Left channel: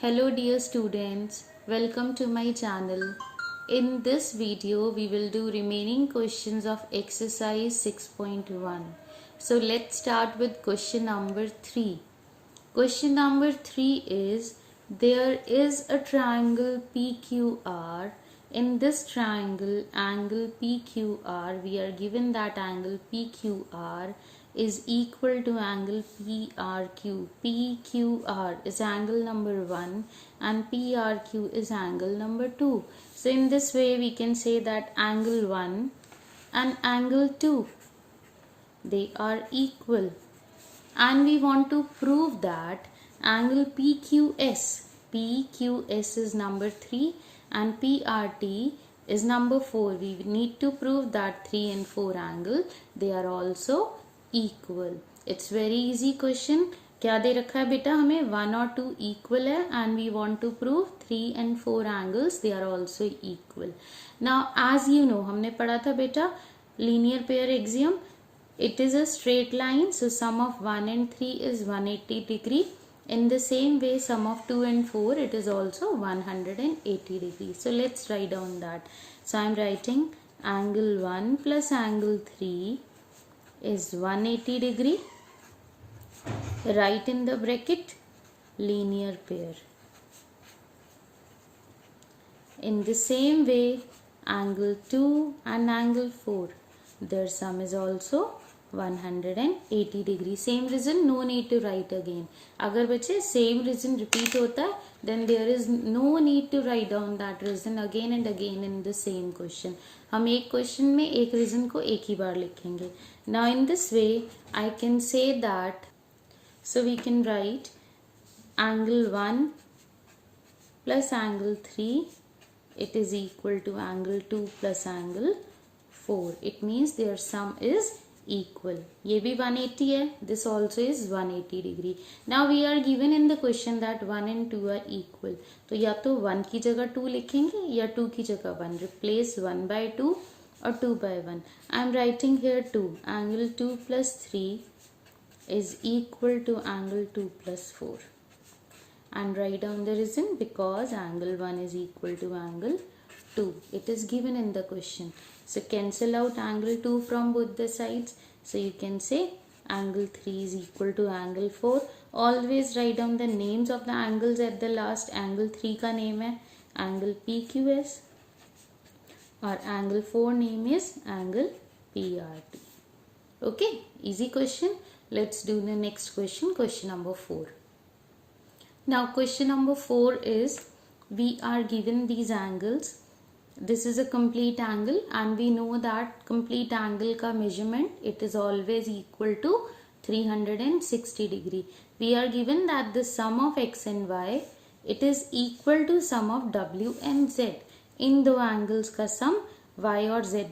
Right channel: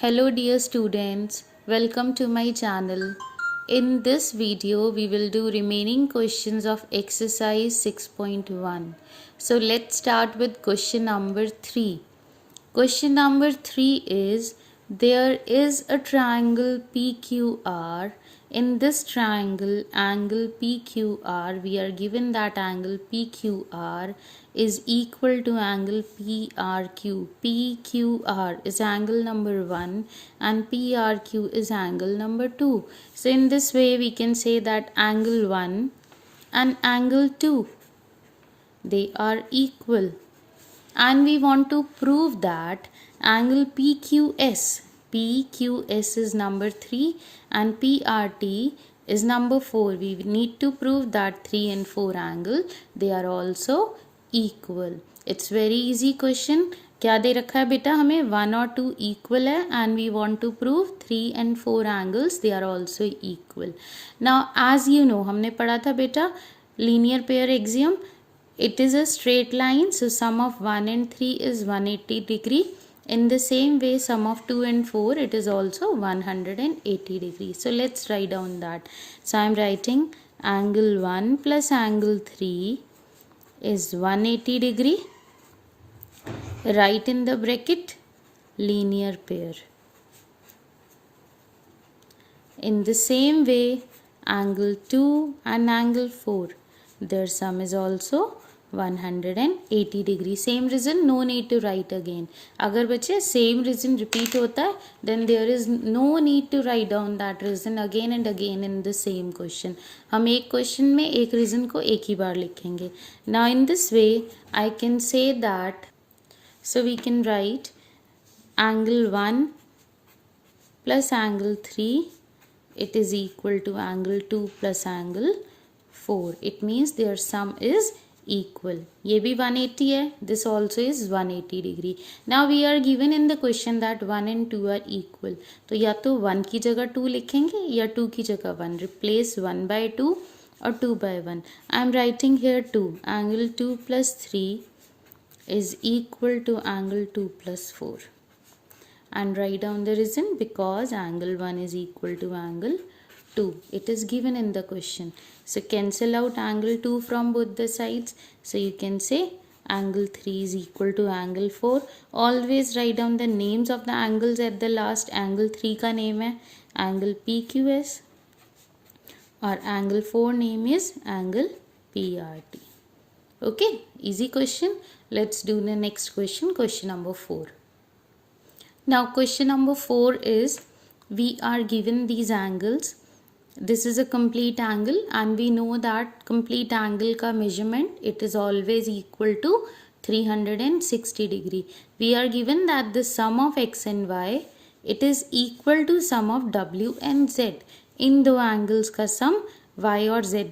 Hello dear students, welcome to my channel. In this video, we will do remaining questions of exercise 6.1. So let's start with question number 3. Question number 3 is, there is a triangle PQR. In this triangle, angle PQR, we are given that angle PQR is equal to angle PRQ. PQR is angle number 1 and PRQ is angle number 2. So in this way, we can say that angle 1 and angle 2, they are equal. And we want to prove that angle PQS is number 3 and PRT is number 4. We need to prove that 3 and 4 angle, they are also equal. It's very easy question. क्या दे रखा है बेटा हमें 1 और 2 equal है and we want to prove 3 and 4 angles they are also equal. Now as you know हमने पढ़ा था बेटा linear pair axiom. It is a straight line, so sum of 1 and 3 is 180 degree. In the same way, sum of 2 and 4, it is also 180 degree. So let's write down that. So I am writing angle 1 plus angle 3 is 180 degree. Write in the bracket linear pair. In the same way, angle 2 and angle 4, their sum is also 180 degree. Same reason, no need to write again. अगर बच्चे same reason repeat होता है, then there is no need to write down that reason again and again in the same question. हम एक question में एक reason को एक ही बार लिखेंगे. Now in this way, I can say that, so we can write angle 1 plus angle 3, it is equal to angle 2 plus angle 4. It means their sum is equal. ये भी 180 है. This also is 180 degree. Now we are given in the question that 1 and 2 are equal. तो या तो 1 की जगह 2 लिखेंगे या 2 की जगह 1. Replace 1 by 2 or 2 by 1. I am writing here 2. Angle 2 plus 3 is equal to angle 2 plus 4. And write down the reason, because angle 1 is equal to angle 2. It is given in the question. So cancel out angle 2 from both the sides. So you can say angle 3 is equal to angle 4. Always write down the names of the angles at the last. Angle 3 का name है angle PQS और angle 4 name is angle PRT. Okay, easy question. Let's do the next question, question number 4. Now question number 4 is, we are given these angles. This is a complete angle and we know that complete angle ka measurement, it is always equal to 360 degree. We are given that the sum of x and y, it is equal to sum of w and z. इन दो angles का sum y और z,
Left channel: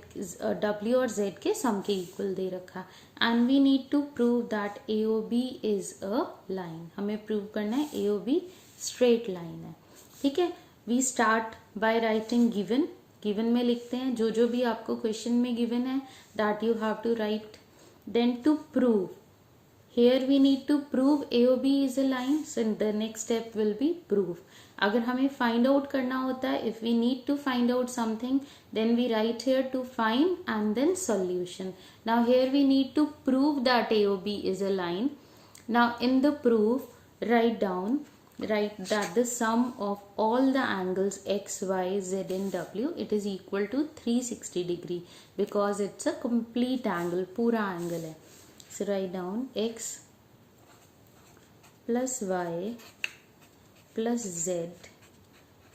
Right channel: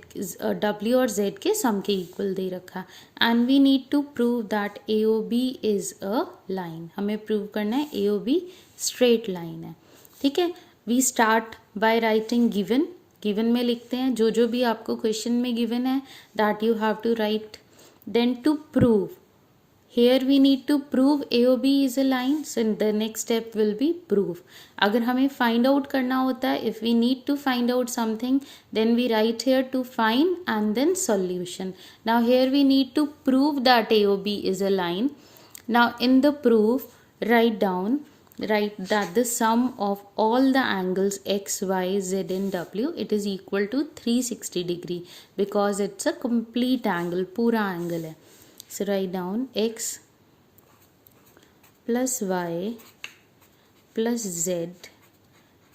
w और z के sum के equal दे रखा. And we need to prove that AOB is a line. हमें prove करना है AOB straight line है. ठीक है. We start by writing given. Given में लिखते हैं जो भी आपको question में given है, that you have to write. Then to prove, here we need to prove AOB is a line. So the next step will be proof. अगर हमें find out करना होता है, if we need to find out something, then we write here to find and then solution. Now here we need to prove that AOB is a line. Now in the proof, write that the sum of all the angles x, y, z and w, it is equal to 360 degree, because it's a complete angle, पूरा angle है. So write down x plus y plus z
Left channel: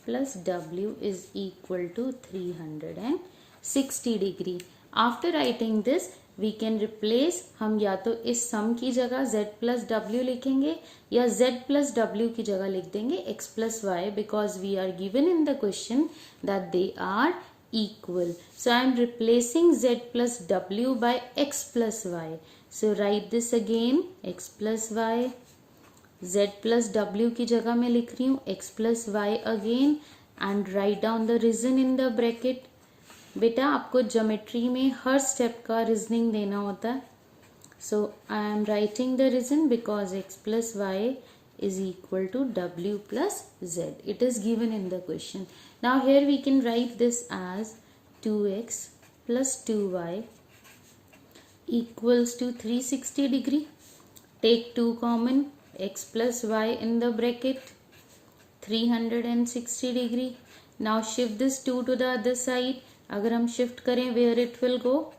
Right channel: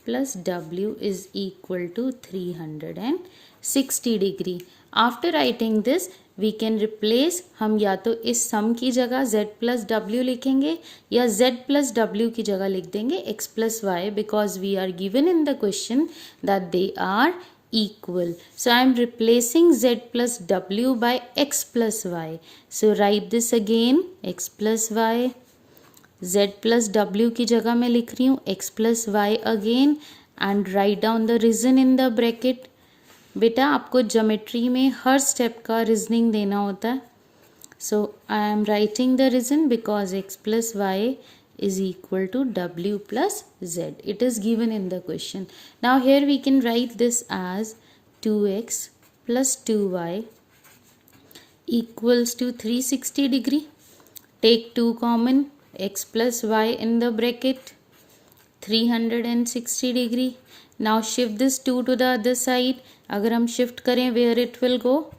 plus w is equal to 360 degree. After writing this, we can replace, हम या तो इस sum की जगह z plus w लिखेंगे या z plus w की जगह लिख देंगे x plus y, because we are given in the question that they are equal. So I am replacing z plus w by x plus y. So write this again, x plus y, z plus w की जगह मैं लिख रही हूँ x plus y again, and write down the reason in the bracket. बेटा आपको geometry में हर step का रीजनिंग देना होता है. So I am writing the reason, because x plus y is equal to W plus Z. It is given in the question. Now here we can write this as 2x plus 2y equals to 360 degree. Take 2 common, x plus y in the bracket, 360 degree. Now shift this 2 to the other side. अगर हम shift करें, where it will go?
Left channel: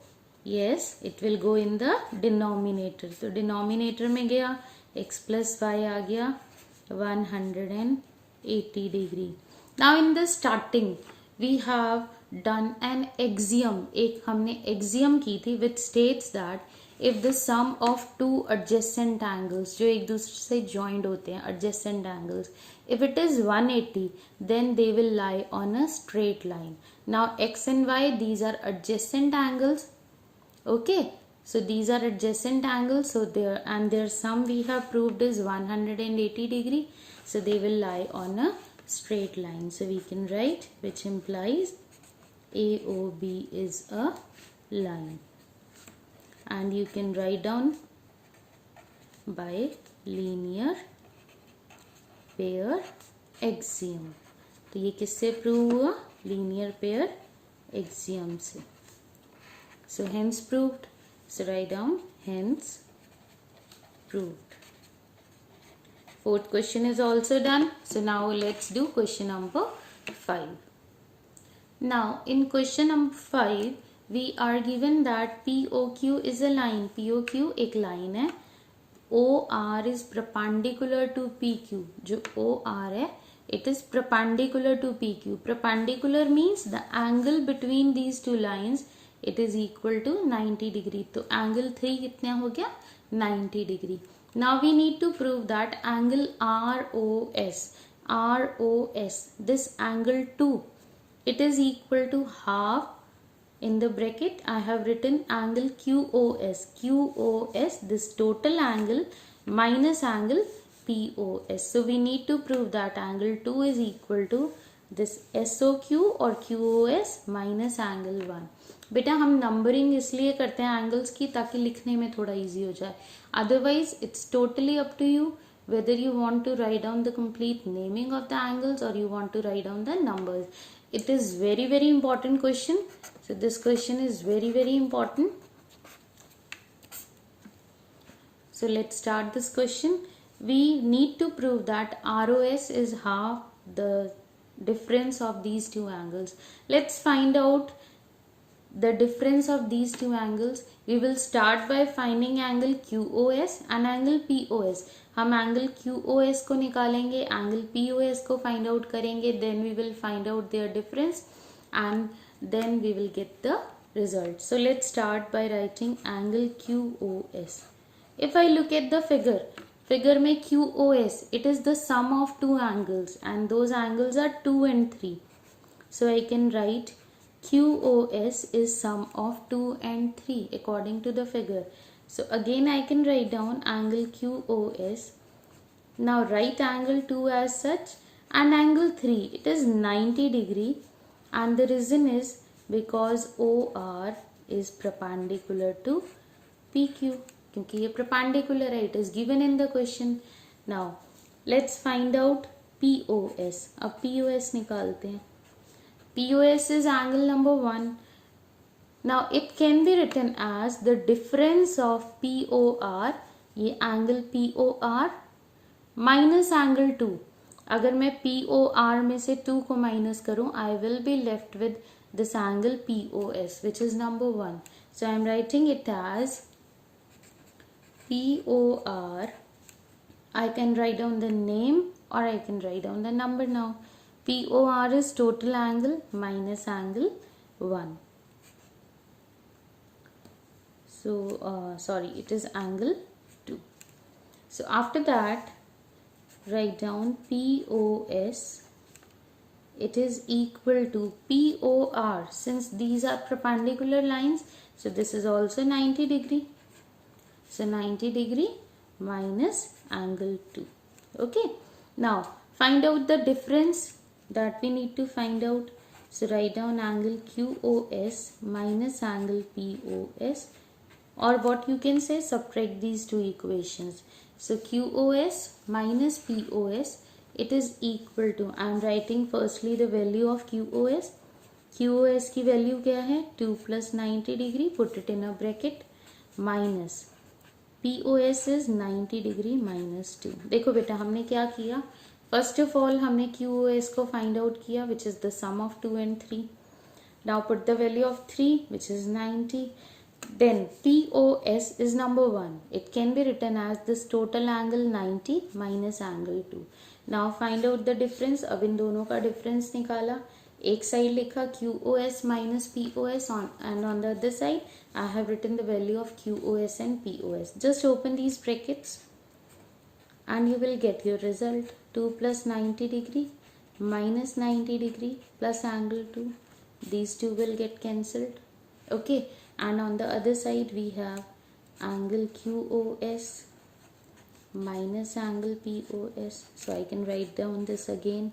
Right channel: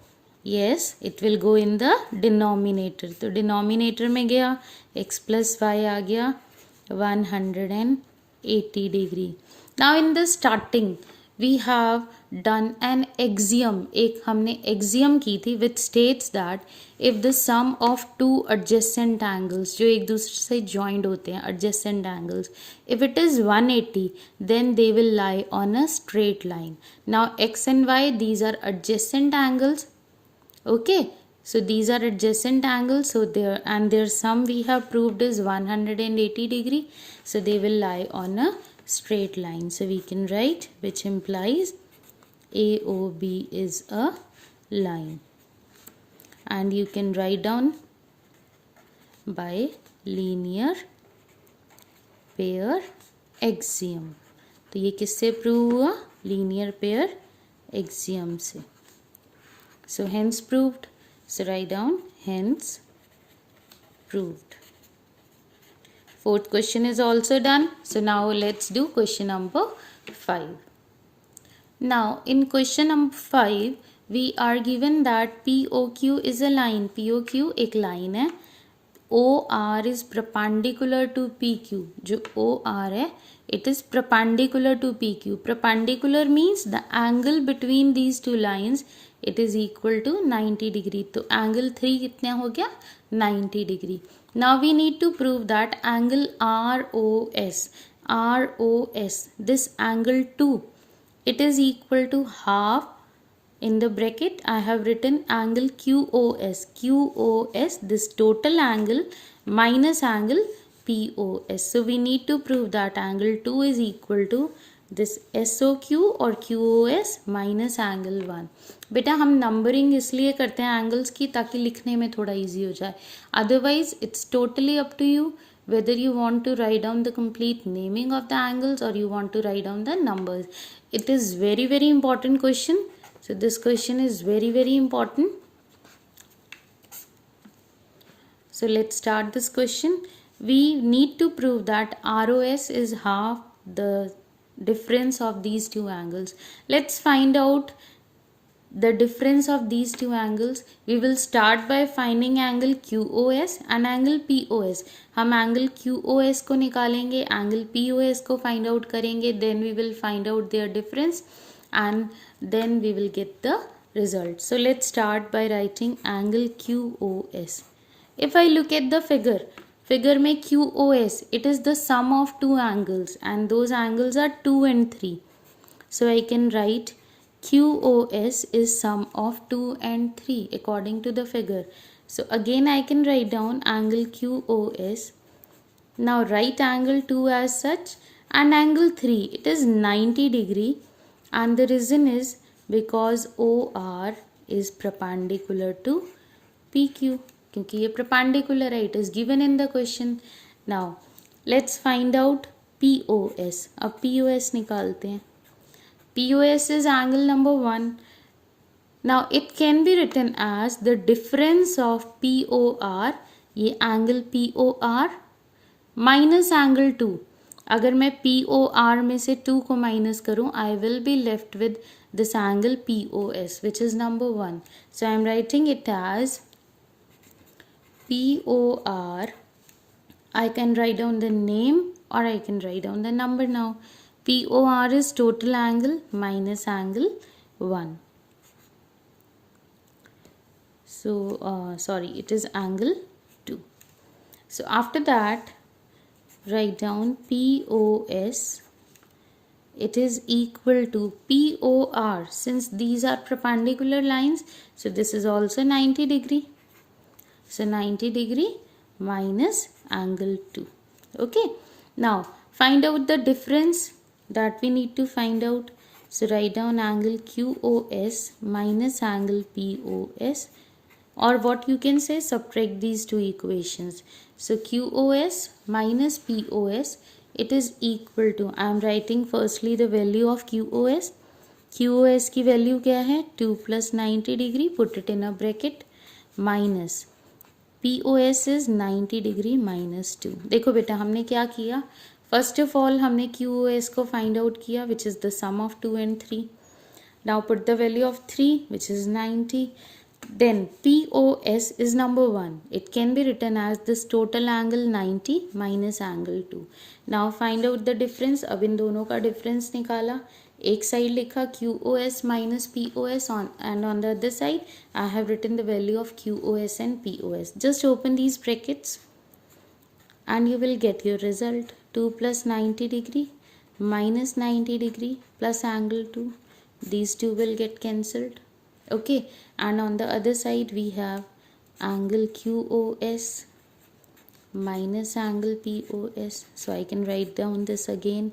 Yes, it will go in the denominator. तो denominator में गया, x plus y आ गया 180 degree. Now in the starting we have done an axiom. एक हमने axiom की थी which states that if the sum of two adjacent angles जो एक दूसरे से joined होते हैं adjacent angles, if it is 180 then they will lie on a straight line. Now x and y, these are adjacent angles. Okay, so these are adjacent angles, so their sum we have proved is 180 degree, so they will lie on a straight line. So we can write, which implies AOB is a line, and you can write down by linear pair axiom. तो ये किससे prove हुआ? Linear pair axiom से. So hence proved. So write down hence proved. Fourth question is also done. So now let's do question number 5. Now in question number 5 we are given that POQ is a line. POQ एक line है. OR is perpendicular to PQ. जो OR है, it is perpendicular to PQ. Perpendicular means the angle between these two lines, it is equal to 90 degree. तो angle 3 कितना हो गया? 90 degree. Now we need to prove that angle ROS, this angle 2, it is equal to half. In the bracket I have written angle QOS, this total angle minus angle POS. So we need to prove that angle 2 is equal to this SOQ or QOS minus angle 1. बेटा हम numbering इसलिए करते हैं angles की ताकि लिखने में थोड़ा इजी हो जाए. Otherwise it's totally up to you whether you want to write down the complete naming of the angles or you want to write down the numbers. It is very very important question. So this question is very very important. So let's start this question. We need to prove that ROS is half the difference of these two angles. Let's find out the difference of these two angles. We will start by finding angle QOS and angle POS. हम angle QOS को निकालेंगे, angle POS को find out करेंगे, then we will find out their difference and then we will get the result. So let's start by writing angle QOS. If I look at the figure में QOS, it is the sum of two angles and those angles are 2 and 3. So I can write QOS is sum of 2 and 3 according to the figure. So again I can write down angle QOS. Now write angle 2 as such and angle 3, it is 90 degree, and the reason is because OR is perpendicular to PQ. क्योंकि ये perpendicular है, it is given in the question. Now let's find out POS. अब POS निकालते हैं. POS is angle number 1. Now it can be written as the difference of POR, ये angle POR minus angle 2. अगर मैं POR में से 2 को minus करूँ, I will be left with this angle POS, which is number 1. So I am writing it as POR. I can write down the name or I can write down the number now. POR is total angle minus angle 1. So sorry, it is angle 2. So after that write down POS, it is equal to POR. Since these are perpendicular lines, so this is also 90 degree. So 90 degree minus angle 2. Okay, now find out the difference that we need to find out. So write down angle QOS minus angle POS, or what you can say, subtract these two equations. So QoS minus POS, it is equal to, I am writing firstly the value of QoS. QoS की value क्या है 2 plus 90 degree, put it in a bracket, minus POS is 90 degree minus 2. देखो बेटा हमने क्या किया, first of all हमने QoS को फाइंड आउट किया which is the sum of 2 and 3. Now put the value of 3 which is 90. Then POS is number 1. It can be written as this total angle 90 minus angle 2. Now find out the difference. अब इन दोनों का difference निकाला. एक side लिखा QoS minus POS on, and on the other side I have written the value of QoS and POS. Just open these brackets and you will get your result. 2 plus 90 degree minus 90 degree plus angle 2. These two will get cancelled. Okay, and on the other side we have angle QoS minus angle POS. So I can write down this again.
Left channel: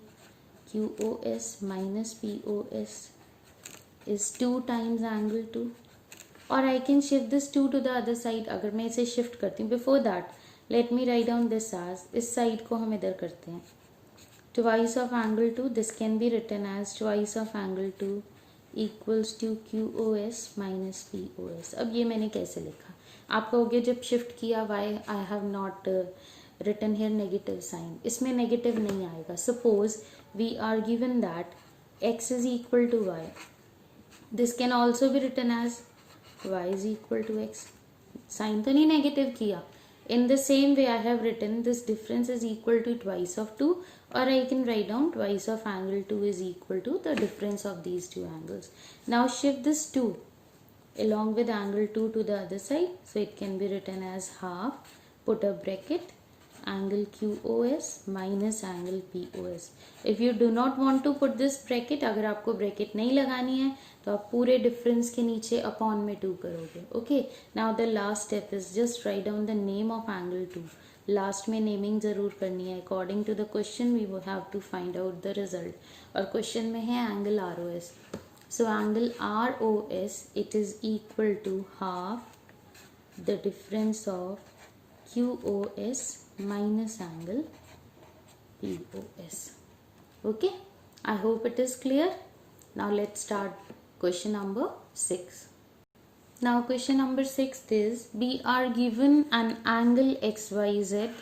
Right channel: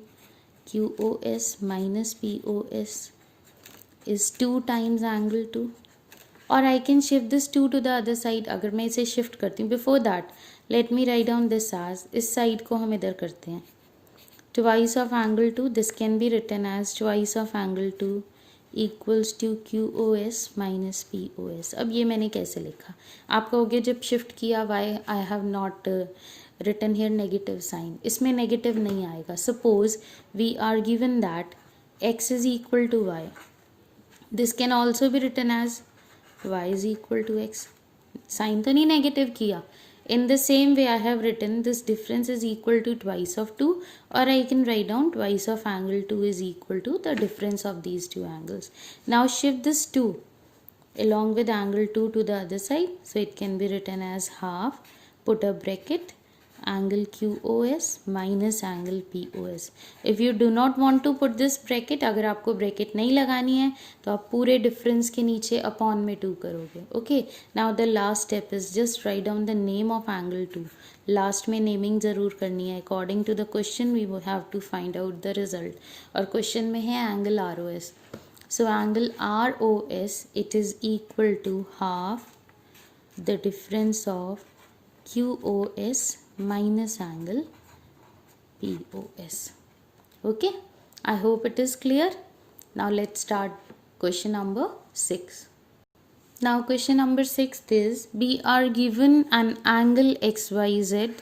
QoS minus POS is 2 times angle 2. और I can shift this 2 to the other side. अगर मैं इसे shift करती हूँ, before that let me write down this as, इस side को हम इधर करते हैं. Twice of angle 2, this can be written as twice of angle 2 equals to QoS minus POS. अब ये मैंने कैसे लिखा, आप कहोगे जब shift किया why I have not written here negative sign. इसमें negative नहीं आएगा. Suppose we are given that x is equal to y. This can also be written as y is equal to x. Sign तो नहीं negative किया. In the same way I have written this difference is equal to twice of 2, or I can write down twice of angle 2 is equal to the difference of these two angles. Now shift this 2 along with angle 2 to the other side. So it can be written as half, put a bracket, angle QoS minus angle POS. If you do not want to put this bracket, अगर आपको bracket नहीं लगानी है तो आप पूरे difference के नीचे upon में 2 करोगे. Okay, now the last step is just write down the name of angle 2. Last में naming ज़रूर करनी है. According to the question we will have to find out the result. और question में है angle ROS. So angle ROS, it is equal to half the difference of QoS minus angle POS. Okay, I hope it is clear. Now let's start question number 6. Now question number 6 is, we are given an angle XYZ.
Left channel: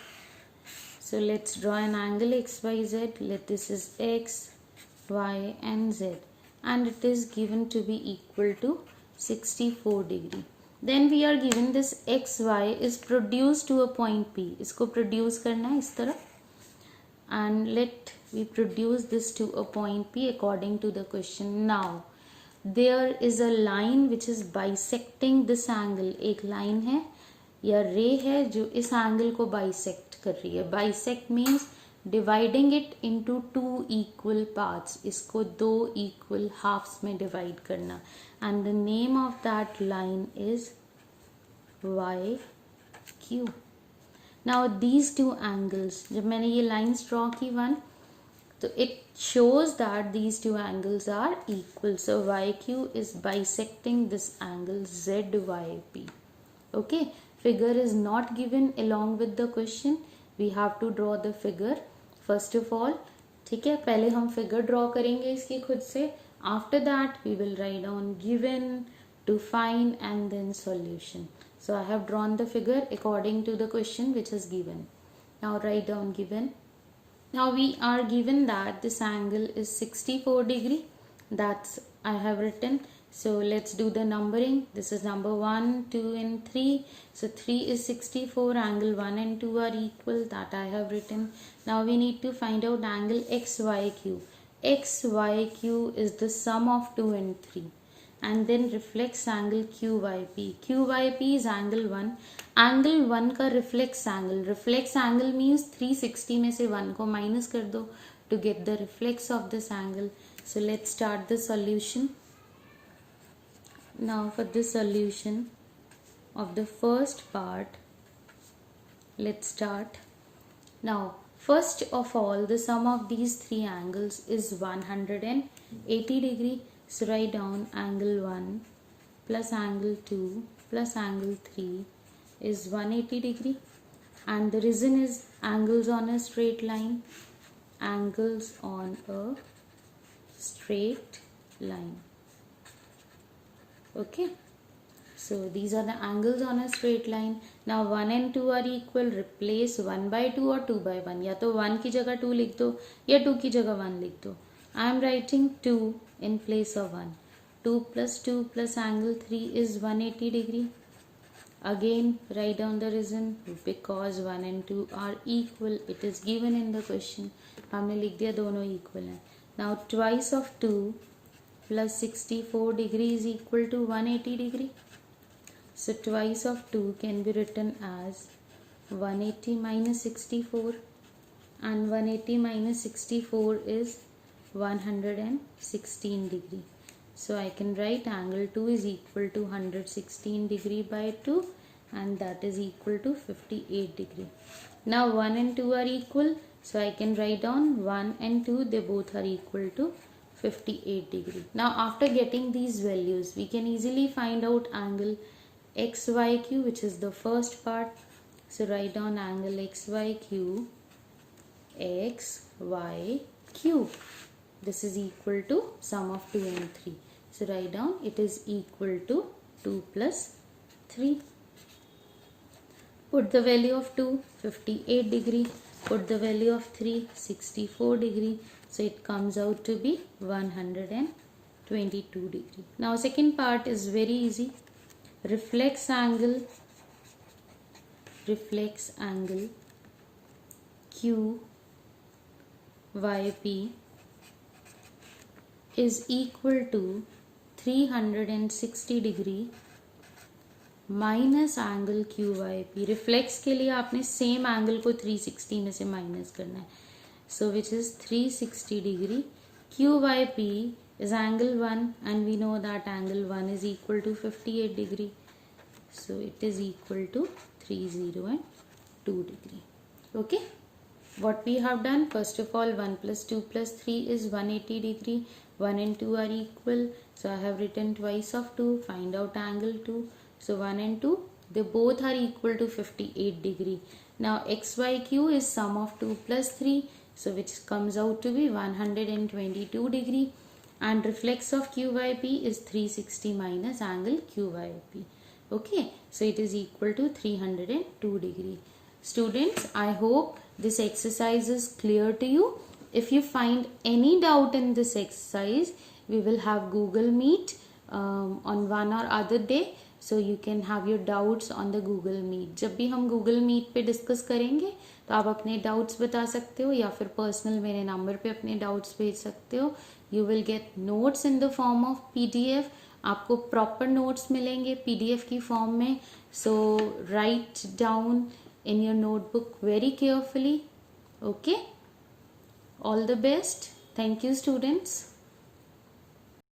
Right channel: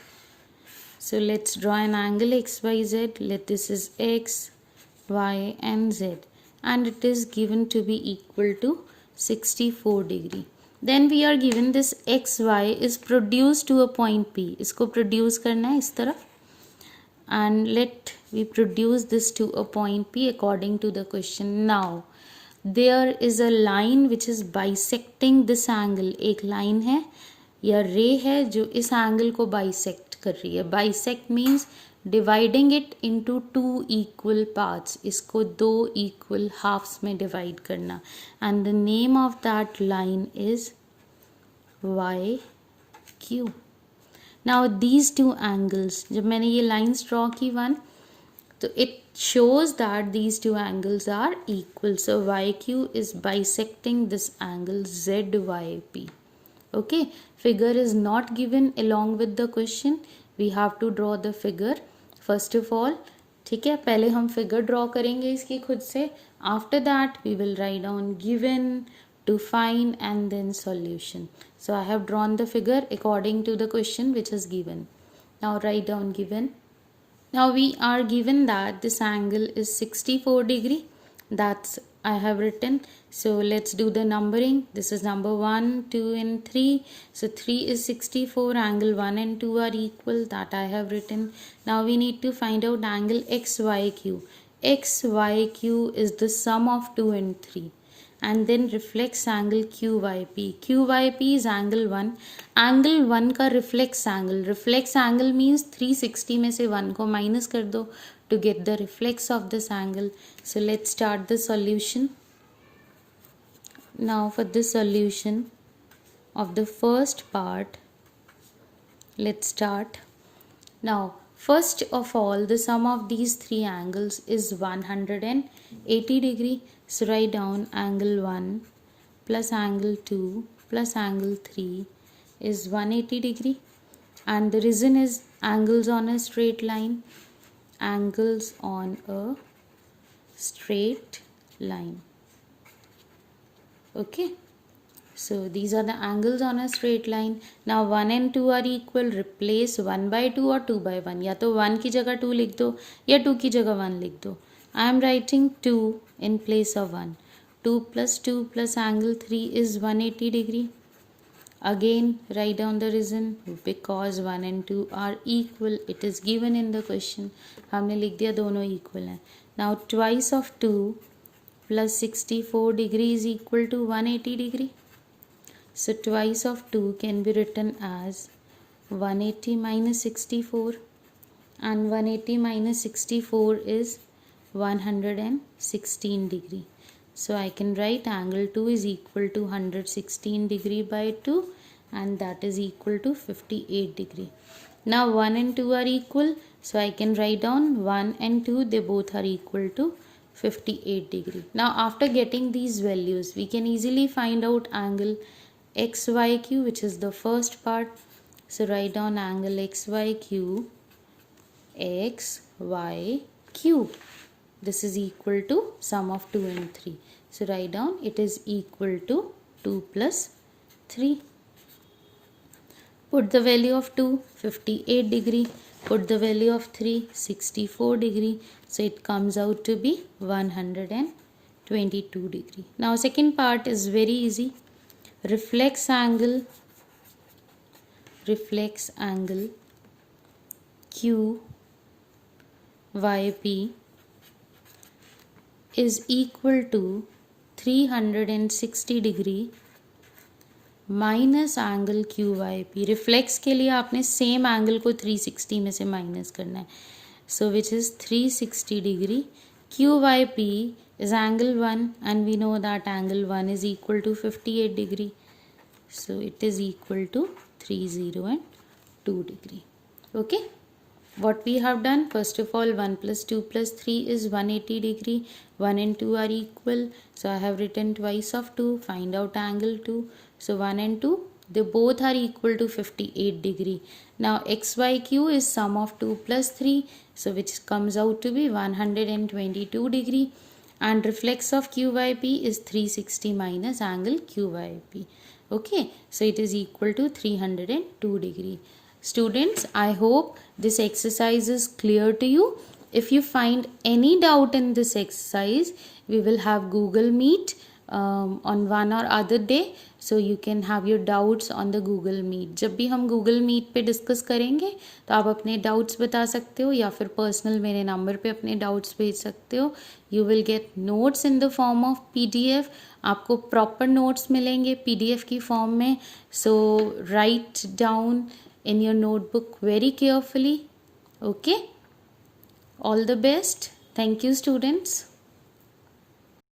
So let's draw an angle XYZ. Let this is X, Y and Z, and it is given to be equal to 64 degree. Then we are given this XY is produced to a point P. इसको produce करना है इस तरह, and let we produce this to a point P according to the question. Now there is a line which is bisecting this angle. एक line है या ray है जो इस angle को bisect कर रही है. Bisect means dividing it into 2 equal parts. इसको 2 equal halves में divide करना, and the name of that line is YQ. Now these two angles, जब मैंने ये lines draw की one, तो it shows that these two angles are equal. So YQ is bisecting this angle ZYP. Okay, figure is not given along with the question. We have to draw the figure first of all. ठीक है, पहले हम figure draw करेंगे इसकी खुद से. After that we will write down given, to find and then solution. So I have drawn the figure according to the question which is given. Now write down given. Now we are given that this angle is 64 degree. That's I have written. So let's do the numbering. This is number 1, 2 and 3. So 3 is 64. Angle 1 and 2 are equal. That I have written. Now we need to find out angle XYQ. XYQ is the sum of 2 and 3. And then reflex angle QYP. QYP is angle 1. Angle 1 का reflex angle. Reflex angle means 360 में से 1 को minus कर दो to get the reflex of this angle. So let's start the solution. Now for the solution of the first part, let's start. Now first of all, the sum of these three angles is 180 degree. So write down angle 1 plus angle 2 plus angle 3 is 180 degree. and the reason is angles on a straight line. Angles on a straight line. Okay, so these are the angles on a straight line. Now 1 and 2 are equal. Replace 1 by 2 or 2 by 1. या तो 1 की जगह 2 लिख दो या 2 की जगह 1 लिख दो. I am writing 2 in place of 1. 2 plus angle 3 is 180 degree. Again write down the reason, because 1 and 2 are equal. It is given in the question. हमने लिख दिया दोनों equal हैं. Now twice of 2 plus 64 degree is equal to 180 degree. So twice of 2 can be written as 180 minus 64, and 180 minus 64 is 116 degree. So I can write angle 2 is equal to 116 degree by 2, and that is equal to 58 degree. Now 1 and 2 are equal, so I can write down 1 and 2, they both are equal to 58 degree. Now after getting these values, we can easily find out angle XYQ, which is the first part. So write down angle XYQ. XYQ. This is equal to sum of 2 and 3. So write down it is equal to 2 plus 3. Put the value of 2, 58 degree. Put the value of 3, 64 degree. So it comes out to be 122 degree. Now second part is very easy. Reflex angle QYP is equal to 360 degree minus angle Q Y P. Reflex के लिए आपने same angle को 360 में से minus करना है. So which is 360 degree. Q Y P is angle 1, and we know that angle 1 is equal to 58 degree. So it is equal to 30 and 2 degree. Okay. What we have done, first of all, 1 plus 2 plus 3 is 180 degree. 1 and 2 are equal. So I have written twice of 2. Find out angle 2. So 1 and 2, they both are equal to 58 degree. Now XYQ is sum of 2 plus 3. So which comes out to be 122 degree. And reflex of QYP is 360 minus angle QYP. Okay. So it is equal to 302 degree. Students, I hope this exercise is clear to you. If you find any doubt in this exercise, we will have Google Meet on one or other day. So you can have your doubts on the Google Meet. जब भी हम Google Meet पे discuss करेंगे तो आप अपने doubts बता सकते हो, या फिर पर्सनल मेरे नंबर पे अपने डाउट्स भेज सकते हो. You will get notes in the form of PDF. आपको प्रॉपर नोट्स मिलेंगे PDF की फॉर्म में. So write down in your notebook very carefully. Okay. All the best. Thank you, students.